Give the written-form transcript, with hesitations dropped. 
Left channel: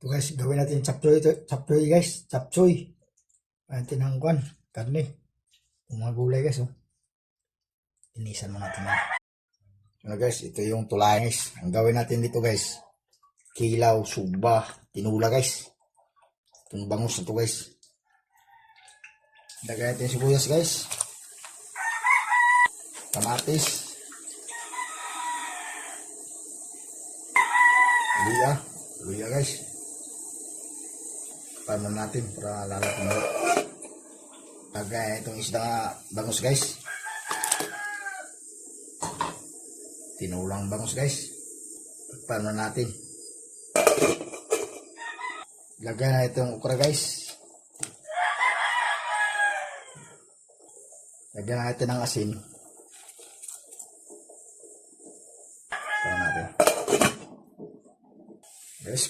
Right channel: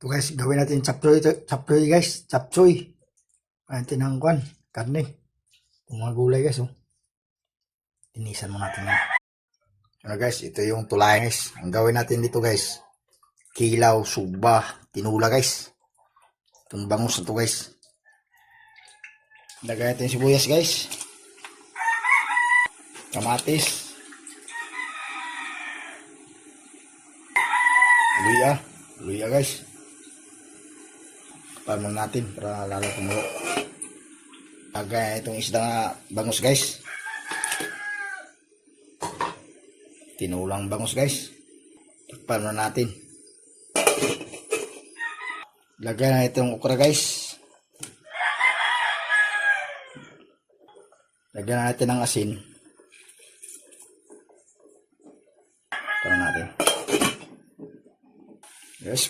Ito guys, gawin natin chapchoy, chapchoy guys, chapchoy. Ayan tinangkwan, karne. Yung mga gulay guys, oh. Tinisan mo natin yan. Ano guys, ito yung tulay guys. Ang gawin natin dito guys, kilaw, suba, tinula guys. Itong bangus na to guys. Lagay natin sibuyas guys. Kamatis. Luya. Luya guys. Kapaman natin para lalo kumulo. Lagay itong isda nga bangus guys. Tinulang bangus guys. Kapaman natin. Lagay na itong okra guys. Lagyan natin ng asin. Para natin. Yes,